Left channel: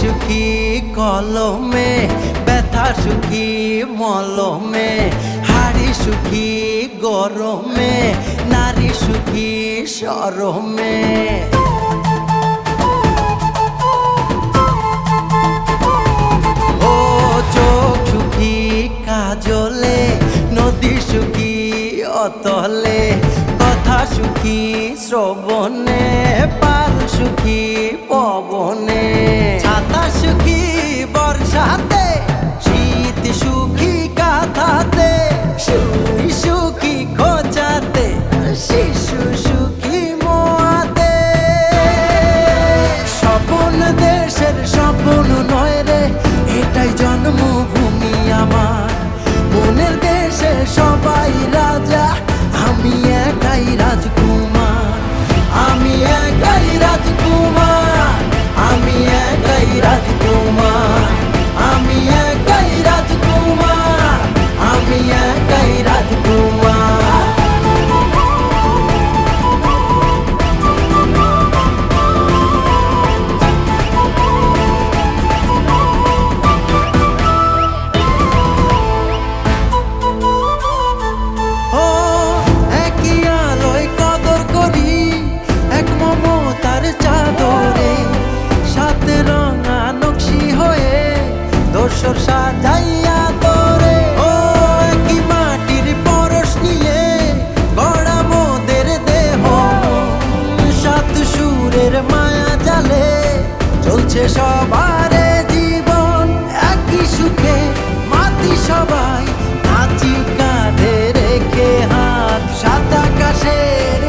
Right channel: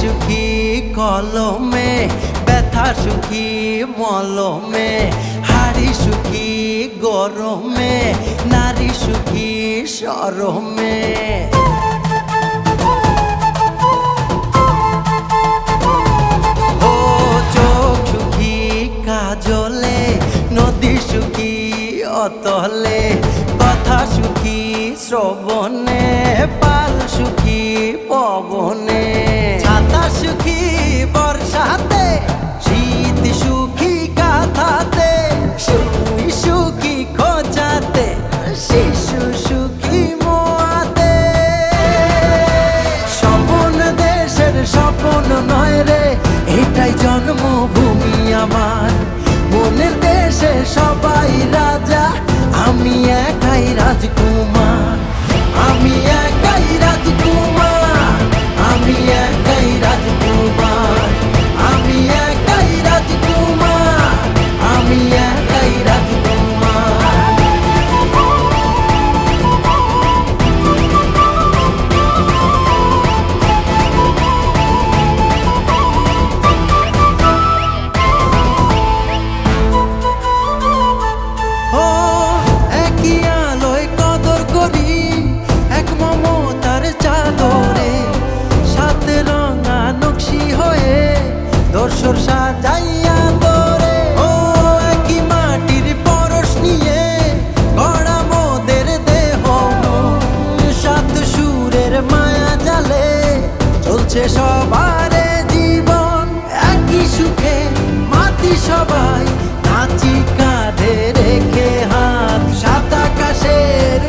সুখী কলমে, ব্যথা সুখী মলমে, হাড়ি সুখী গরমে, নারী সুখী শরমে। ও চোখ সুখী কাজলে, নদী সুখী অতলে, কথা সুখী শ্রবণে, পাল সুখী পবনে, ছাতা সুখী বর্ষাতে, শীত সুখী কাঁথাতে, সুই সুখী খোঁচাতে, শিশু সুখী মোয়াতে। স্বপন দেশের স্বপন নয় রে, এটাই জন্মভূমি আমার। মনের দেশে সবাই রাজা, আমি একাই রাজকুমার, আমি একাই রাজকুমার, আমি একাই রাজকুমার, আমি একাই রাজকুমার, আমি একাই রাজকুমার। ও একই আলোয় কদর করি, এক মমতার চাদরে, সাথে রঙা নকশি হয়ে দর্শর সাজাইয়া তোরে। ও একই মাটির পরশ নিয়ে গড়া মোদের দেহ মন, সাত সুরের মায়া জালে চলছে সবারে জীবন। একই সুখে মাতি সবাই, নাচি কাঁধে রেখে হাত, সাত আকাশের